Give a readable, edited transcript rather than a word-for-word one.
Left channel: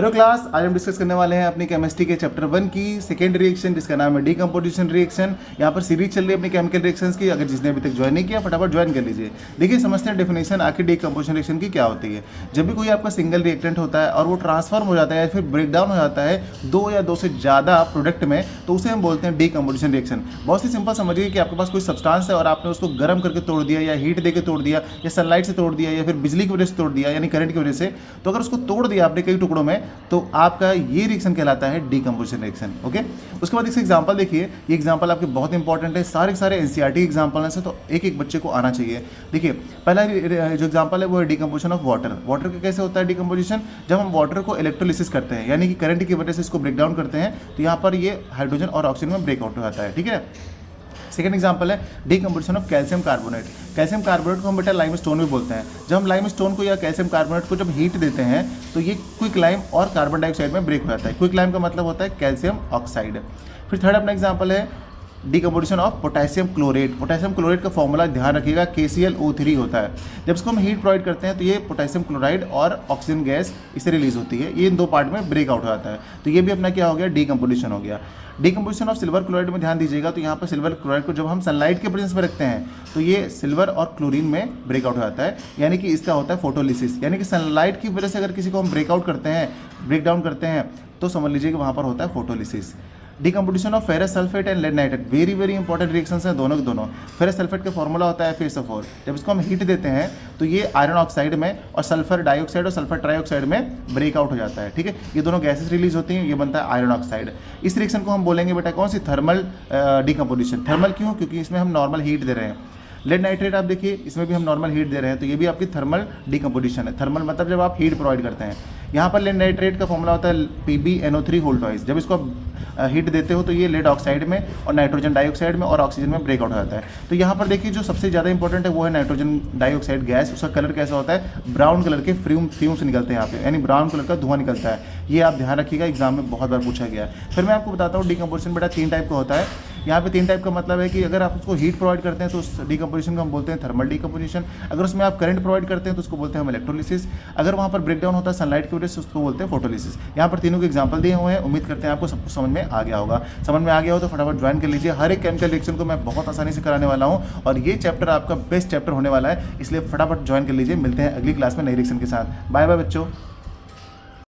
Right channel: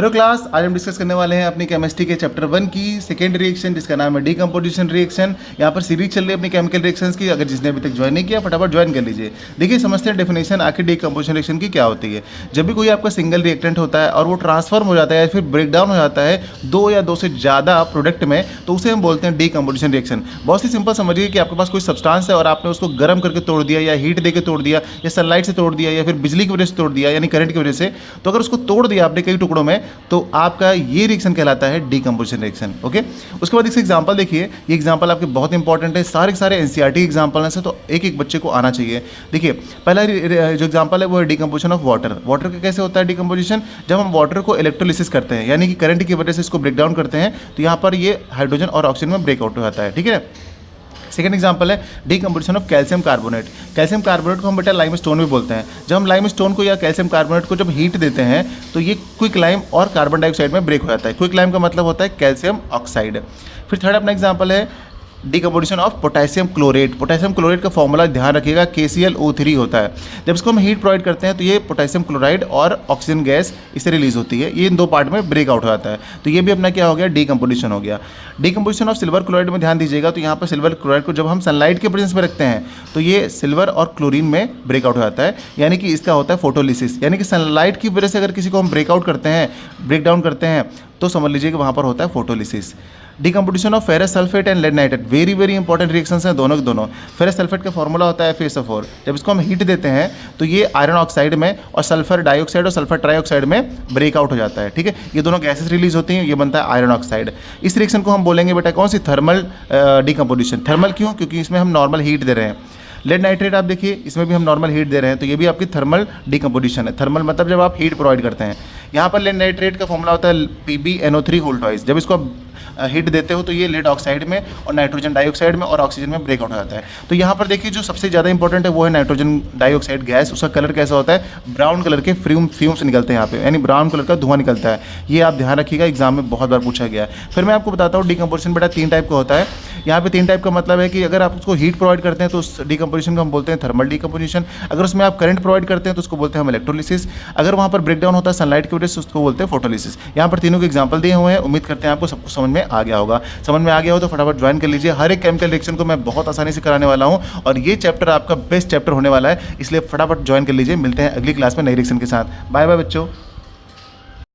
Hello class, आज हम discuss करने वाले हैं अपनी केमिस्ट्री के चैप्टर 1 की सेकेंड रिएक्शन जिसका नाम है डीकम्पोजिशन रिएक्शन। यहाँ पर सीरीज चल रही है अपनी केमिकल रिएक्शंस की। अगर जिसने अभी तक ज्वाइन नहीं किया फटाफट ज्वाइन कर लीजिए। देखिए समझते हैं डेफिनेशन आखिर डीकम्पोजिशन रिएक्शन की क्या होती है। जब भी कोई आपका सिंगल रिएक्टेंट होता है और वो ट्रांसफॉर्म हो जाता है या फिर ब्रेक डाउन हो जाता है दो या दो से ज़्यादा प्रोडक्ट में, तो उसे हम बोलते हैं डीकम्पोजिशन रिएक्शन। बहुत ही सिंपल समझिए कि आपके पास कोई सब्सटेंस है और आपने उसको गर्म करके तोड़ दिया या हीट देकर तोड़ दिया या सनलाइट से तोड़ दिया या फिर बिजली की वजह से तोड़ दिया यानी करंट की वजह से। तो अगर उसको तोड़ दिया आपने कई टुकड़ों में तो आपका ये रिएक्शन कहलाता है डीकम्पोजिशन रिएक्शन। ओके, उसके बाद इसका एग्जांपल देखिए। ये एग्जांपल आपके बहुत इंपॉर्टेंट है, सारे के सारे एनसीईआरटी एग्जांपल हैं, तो एक एक बच्चे को आना चाहिए। देखिए पहला जो एग्जांपल है वो है डीकम्पोजिशन ऑफ वाटर। वाटर का कैसे होता है डीकम्पोजिशन? जब हम वाटर को इलेक्ट्रोलिसिस करते हैं यानी कि करंट की वजह से इसको ब्रेक डाउन करते हैं तो यहाँ पर ये हाइड्रोजन और ऑक्सीजन में ब्रेकआउट हो जाता है। ठीक है। सेकेंड एग्जांपल है decomposition of calcium carbonate. Calcium carbonate को हम बेटा लाइम स्टोन भी बोलते हैं। जब हम लाइम स्टोन को या कैल्शियम कार्बोनेट को जब हीट देते हैं तो ये क्विक लाइम और कार्बन डाइऑक्साइड में ब्रेक हो जाता है। क्विक लाइम का मतलब होता है कैल्शियम ऑक्साइड। फिर थर्ड अपना एग्जांपल है decomposition of potassium chlorate. Potassium chlorate का फॉर्मूला ध्यान रखिएगा KClO3 होता है। जब इसको हम हीट प्रोवाइड करते हैं तो ये पोटेशियम क्लोराइड और ऑक्सीजन गैस इससे रिलीज होती है। ये इन दो पार्ट में ब्रेकआउट हो जाता है। तो ये भी अपना क्या हो गया? डीकम्पोजिशन हो गया। डीकम्पोजिशन ऑफ सिल्वर क्लोराइड में ध्यान दीजिएगा। तो यहाँ पर सिल्वर क्लोराइड को जब हम सनलाइट के प्रेजेंस में रखते हैं तो ये सिल्वर और क्लोरीन में ब्रेकआउट हो जाता है, यानी कि इसका होता है फोटोलिसिस। यानी कि सनलाइट की वजह से अगर किसी को हम ब्रेकआउट करते हैं, ब्रेक डाउन करते हैं तो समझ लीजिए कि वहाँ पर होता है photolysis. Decomposition of ferrous sulphate and lead nitrate, very very important reactions हैं दोनों के दोनों। फेरस सल्फेट का फॉर्मूला होता है FeSO4। जब इसको हम हीट देते हैं तो ये आयरन ऑक्साइड में और सल्फर डाइऑक्साइड और सल्फर ट्राइऑक्साइड में ब्रेकआउट हो जाता है। ठीक है, ये दोनों गैसेस रिलीज होती हैं, ये बनता है आयरन ऑक्साइड। इस रिएक्शन को हम बोलेंगे बेटा कौन सी? Thermal decomposition. थर्मल क्यों? क्योंकि इसमें हम नॉर्मल हीट दे रहे हैं। लेड नाइट्रेट आप देखिए, इसमें भी हम नॉर्मल हीट दे रहे हैं, तो ये भी आपकी थर्मल डीकम्पोजिशन है। थर्मल मतलब जब आप हीट प्रोवाइड करते हैं। यहाँ पर लेड नाइट्रेट का फॉर्मूला होता है PbNO3 होल ट्वाइस। जब इसको हीट देते हो तो ये लेड ऑक्साइड में और नाइट्रोजन डाइऑक्साइड में और ऑक्सीजन में ब्रेकआउट हो जाता है। तो यहाँ पर देखिए जो सबसे ज़्यादा इंपॉर्टेंट है वो है नाइट्रोजन डाइऑक्साइड गैस। उसका कलर कैसा होता है? ब्राउन कलर के फ्यूम्स निकलते हैं यहाँ पे, यानी ब्राउन कलर का धुआं निकलता है। ये आप ध्यान रखिएगा, एग्जाम में बहुत बार पूछा गया है। फिर मैं आपको बताता हूँ डीकम्पोजिशन बेटा 3 टाइप का होता है। यहाँ पे 3 टाइप का मतलब है कि अगर आप उसको हीट प्रोवाइड करते हैं तो उस डीकम्पोजिशन को हम बोलते हैं थर्मल डीकम्पोजिशन। अगर उसमें आप करंट प्रोवाइड करते हैं तो उसको बोलते हैं हम इलेक्ट्रोलिसिस। अगर वहाँ पर ब्रेकडाउन होता है सनलाइट की वजह से उसको बोलते हैं फोटोलिसिस। यहाँ पर तीनों के एग्जाम्पल दिए हुए हैं। उम्मीद करते हैं आपको सब कुछ समझ में आ गया होगा। समझ में आ गया हो तो फटाफट ज्वाइन कर लीजिए। हर एक केमिकल रिएक्शन को मैं बहुत आसानी से कराने वाला हूँ और ये चैप्टर आपका बेस्ट चैप्टर होने वाला है, इसलिए फटाफट ज्वाइन कर लीजिए। मिलते हैं अगली क्लास में नई रिएक्शन के साथ। बाय बाय बच्चों।